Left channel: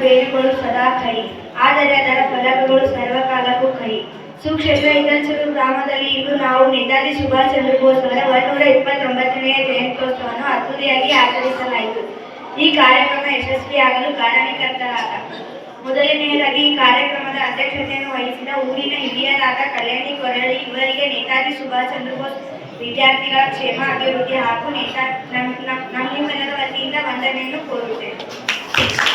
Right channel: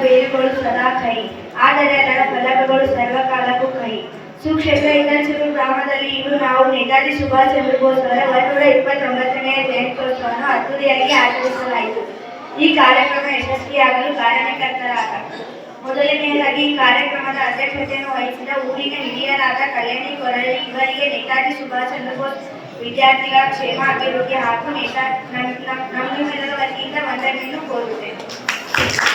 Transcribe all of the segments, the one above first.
ಬೇರುಗಳು ಸದಾ ಕೈ. ಆದರೆ ಅದರ ಫಲಕಗಳು ಸರ್ವಕಾಲಕ್ಕೂ ಕೈ. ಸುಕ್ಷೇತ್ರ ಇಂದಲ್ಸೂರು ಗ್ರಾಮದಲ್ಲಿ ಇಂದು ನಾವು ನೇತಾಜಿ ಸುಭಾಷ್ ಚಂದ್ರ ಬೋಸ್ ಅವರ ಒಂದೂರ ಇಪ್ಪತ್ತೊಂಬತ್ತನೆಯ ಜಯಂತ್ಯೋತ್ಸವವನ್ನು ಅದ್ದೂರಿಯಾಗಿ ಆಚರಿಸಲಾಯಿತು. ಈ ಕಾರ್ಯಕ್ರಮ ಯಶಸ್ವಿಯಾಗಲು ಕಾರಣಕರ್ತರಾದ ಮೊದಲನೆಯದಾಗಿ ಈ ಕಾರ್ಯಕ್ರಮದ ಅಧ್ಯಕ್ಷತೆಯನ್ನು ವಹಿಸಿದ ಊರಿನ ಹಿರಿಯರಾದ ಕಲ್ಯಾಣಿ ಕೊರಳಿ ಇವರಿಗೆ ನೇತಾಜಿ ಸುಭಾಷ್ ಚಂದ್ರ ಬೋಸ್ ವಿದ್ಯಾರ್ಥಿಗಳ ಕ್ಷೇಮ, ಅಭಿವೃದ್ಧಿ ಹಾಗೂ ನೇತಾ ನಮ್- ನಮ್ಮ ನಮ್ಮೆಲ್ಲರ ವತಿಯಿಂದ ವಂದನೆಯನ್ನು ಕೋರುತ್ತೇನೆ.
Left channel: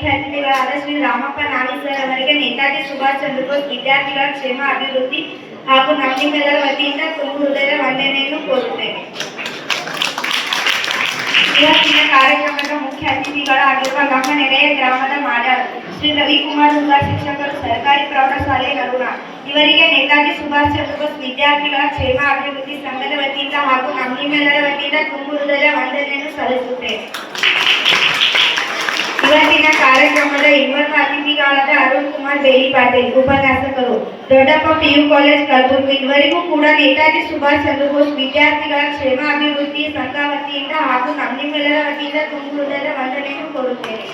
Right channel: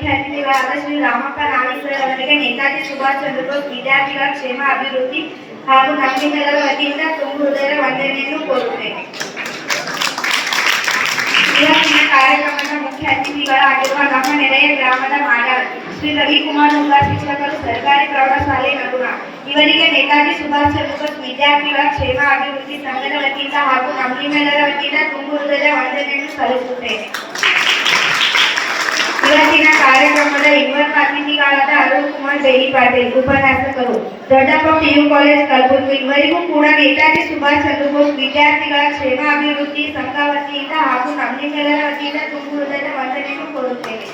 ಕಾರ್ಯಕ್ರಮದ ಮುಖ್ಯ ಅತಿಥಿಗಳಾದ ಶ್ರೀ ರಾಮಪ್ಪ ನಾಣಿ ಸರ್ ಅವರಿಗೆ ನೇತಾಜಿ ಸುಭಾಷ್ ಚಂದ್ರ ಬೋಸ್ ವಿದ್ಯಾರ್ಥಿಗಳ ಕ್ಷೇಮ ಅಭಿವೃದ್ಧಿ ಹಾಗೂ ನಮ್ಮೆಲ್ಲರ ವತಿಯಿಂದ ತುಂಬ ಹೃದಯದ ವಂದನೆಯನ್ನು ಕೋರುತ್ತೇನೆ ಇವತ್ತಿನ ಕಾರ್ಯಕ್ರಮದ ಮುಖ್ಯ ಅತಿಥಿಗಳಾಗಿರುವ ನಮ್ಮ ನೆರೆಯ ಗ್ರಾಮದ ಮಾಡ ಶ್ರೀ ರವಿಕುಮಾರ್ ಉಂಬ ಶಿಕ್ಷಕರು ಸರ್ಕಾರಿ ಪ್ರೌಢಶಾಲೆ ನಡುವ ಇವರಿಗೆ ನೇತಾಜಿ ಸುಭಾಷ್ ಚಂದ್ರ ಬೋಸ್ ವಿದ್ಯಾರ್ಥಿಗಳ ಕ್ಷೇಮ ಅಭಿವೃದ್ಧಿ ಸಂಘದ ವತಿಯಿಂದ ಹಾಗೂ ನಮ್ಮೆಲ್ಲರ ವತಿಯಿಂದ ತುಂಬ ಹೃದಯದ ವಂದನೆಯನ್ನು ಸಲ್ಲಿಸುತ್ತೇನೆ ಇವತ್ತಿನ ಕಾರ್ಯಕ್ರಮದ ಇನ್ನೊಬ್ಬ ಅತಿಥಿಗಳಾದ ಅರುಣ್ ಕುಮಾರ್ ಬೇಲಿ ಪಾಟೀಲ್ ಉಪನ್ಯಾಸಕರು ದೊಡ್ಡಪ್ಪ ಪಿಯು ಕಾಲೇಜ್ ಕಲಬುರಗಿ ಇವರಿಗೂ ಕೂಡ ನೇತಾಜಿ ಸುಭಾಷ್ ಚಂದ್ರ ಬೋಸ್ ವಿದ್ಯಾರ್ಥಿಗಳ ಕ್ಷೇಮ ಅಭಿವೃದ್ಧಿ ಸಂಘ ವತಿಯಿಂದ ಹಾಗೂ ನಮ್ಮೆಲ್ಲರ ವತಿಯಿಂದ ತುಂಬ ಹೃದಯದ ವಂದನೆಯನ್ನು ಕೊಡುತ್ತೇನೆ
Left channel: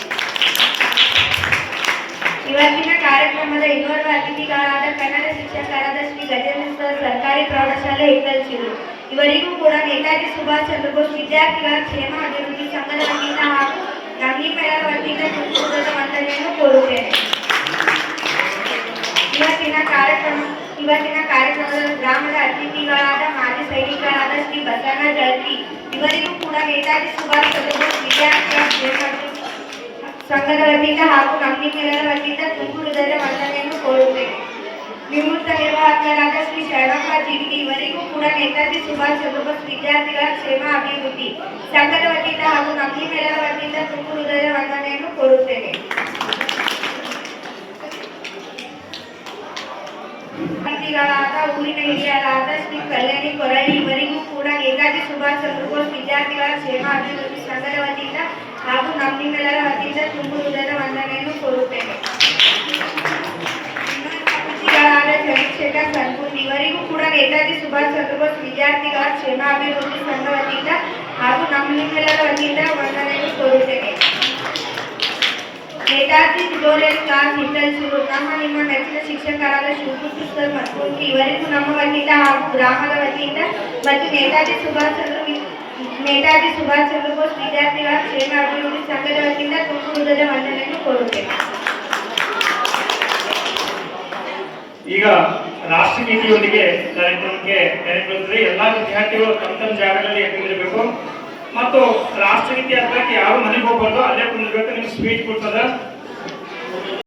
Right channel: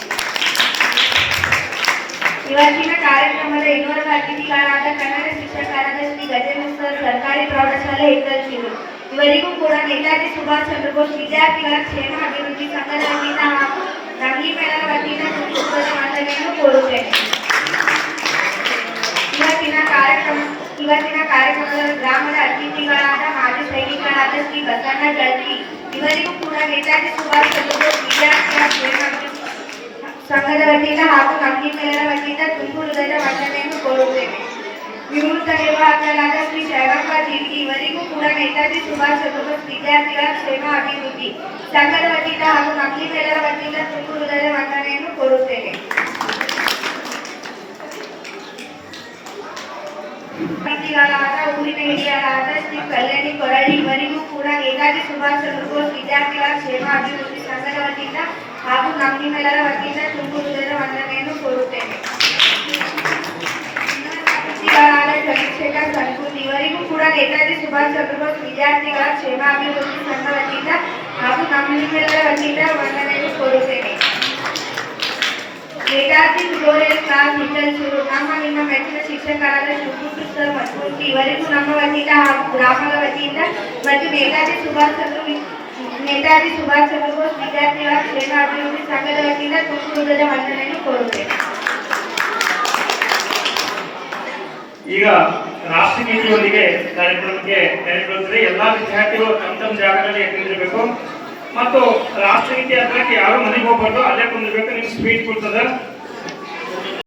ಇವತ್ತಿನ ಕಾರ್ಯಕ್ರಮದ ಇನ್ನೋರ್ವ ಅತಿಥಿಗಳಾದ ಕನ್ನಡ ಶಿಕ್ಷಕರಾದ ಶ್ರೀ ಗಜೇಂದ್ರ ಸರ್ ಸರ್ಕಾರಿ ಪ್ರೌಢಶಾಲೆ ಇಕ್ಕಲ್ಸಿರು ಇವರಿಗೂ ಕೂಡ ನೇತಾಜಿ ಸುಭಾಷ್ ಚಂದ್ರ ಬೋಸ್ ವಿದ್ಯಾರ್ಥಿಗಳ ಕ್ಷೇಮ ಅಭಿವೃದ್ಧಿ ಸಂಘದ ವತಿಯಿಂದ ಹಾಗೂ नाही पेनावाटीच्या दुसरीकडे वाचलेलं पोळके किंवा तिना कार्यक्रम किंवा तिना कार्यक्रम ग्रामला अतिथीगळाला माझे सैनिकगळाला ती बसांना जळती. इवरी पुढा नेताजी सुभाष चंद्र विद्यार्थी संघटनेचा हात मागणी केलेल्या व्यक्तीचा दुसरीकडे वाचलेलं पोळके विमुक्त विभागाला श्री साहेबांबा जिंकली वरिगू पुढा नेताजी सुभाष चंद्रबोस विद्यार्थीला सेवा हवी होती साखरवतीला हातून केलेल्या वतीला ಅತಿಥಿಗಳಾದ ಊರಿನ ಹಿರಿಯರಾದ ಶ್ರೀ ಕಲ್ಯಾಣಿ ಕೊರಳಿ ಇವರಿಗೂ ಕೂಡ ನೇತಾಜಿ ಸುಭಾಷ್ ಚಂದ್ರ ಬೋಸ್ ವಿದ್ಯಾರ್ಥಿಗಳ ಕ್ಷೇಮ ಅಭಿವೃದ್ಧಿ ಸಂಘದ ವತಿಯಿಂದ ಹಾಗೂ ನಮ್ಮೆಲ್ಲರ ವತಿಯಿಂದ ತುಂಬು ಹೃದಯದ ವಂದನೆಯನ್ನು ಕೋರುತ್ತೇನೆ ಅತಿಥಿಗಳಾದ ಚಂದ್ರಶೇಖರ್ ಸನ್ಪುರ್ ಇವರಿಗೂ ಕೂಡ ನೇತಾಜಿ ಸುಭಾಷ್ ಚಂದ್ರ ಬೋಸ್ ವಿದ್ಯಾರ್ಥಿಗಳ ಕ್ಷೇಮ ಅಭಿವೃದ್ಧಿ ಸಂಘ ವತಿಯಿಂದ ಹಾಗೂ ನಮ್ಮೆಲ್ಲರ ವತಿಯಿಂದ ವಂದನೆಯನ್ನು ಕೋರುತ್ತೇನೆ ನೇತಾಜಿ ಇಂಟರ್ನ್ಶಿಪ್ ನಮ್ಮ ನಿಮ್ಮ ನೆಚ್ಚಿನ ಶಿಕ್ಷಕರಾದ ಶಿವಕೃಷ್ಣ ಸರ್ ಮತ್ತು ಇವರಿಗೂ ನಮ್ಮ ವತಿಯಿಂದ ಹಾಗೂ ಗ್ರಾಮದ ವತಿಯಿಂದ ಮತ್ತು ನೇತಾಜಿ ಸುಭಾಷ್ ಚಂದ್ರ ನೇತಾಜಿ ಸುಭಾಷ್ ಚಂದ್ರ ಬೋಸ್ ವಿದ್ಯಾರ್ಥಿಗಳ ಕ್ಷೇಮ ಅಭಿವೃದ್ಧಿ ಸಂಘದ ವತಿಯಿಂದ ಕುಟುಂಬದ ವಂದನೆಯನ್ನು ಕೋರುತ್ತೇವೆ. ಈಗ ರಾಷ್ಟ್ರಗೀತೆಯೊಂದಿಗೆ ಕಾರ್ಯಕ್ರಮಕ್ಕೆ ಕಾರ್ಯಕ್ರಮದಲ್ಲಿ ಎಲ್ಲಾ ವಿದ್ಯಾರ್ಥಿಗಳು ತಮ್ಮ ತಮ್ಮ ಜಾಗದಲ್ಲಿ ಕುಂದಿರಬೇಕು. ಮತ್ತು ರಾಷ್ಟ್ರಗೀತೆ ಹತ್ರಕ್ಕೆ ಯಾರು ಮನೆಗೆ ಹೋಗ್ಬಾರ್ದು ಅಲ್ಲೇ ಕುಂದಿರ್ಬೇಕು. ನಿಮ್ಗೆ ಸ್ಪೀಚ್ ಕೊಡ್ತದ.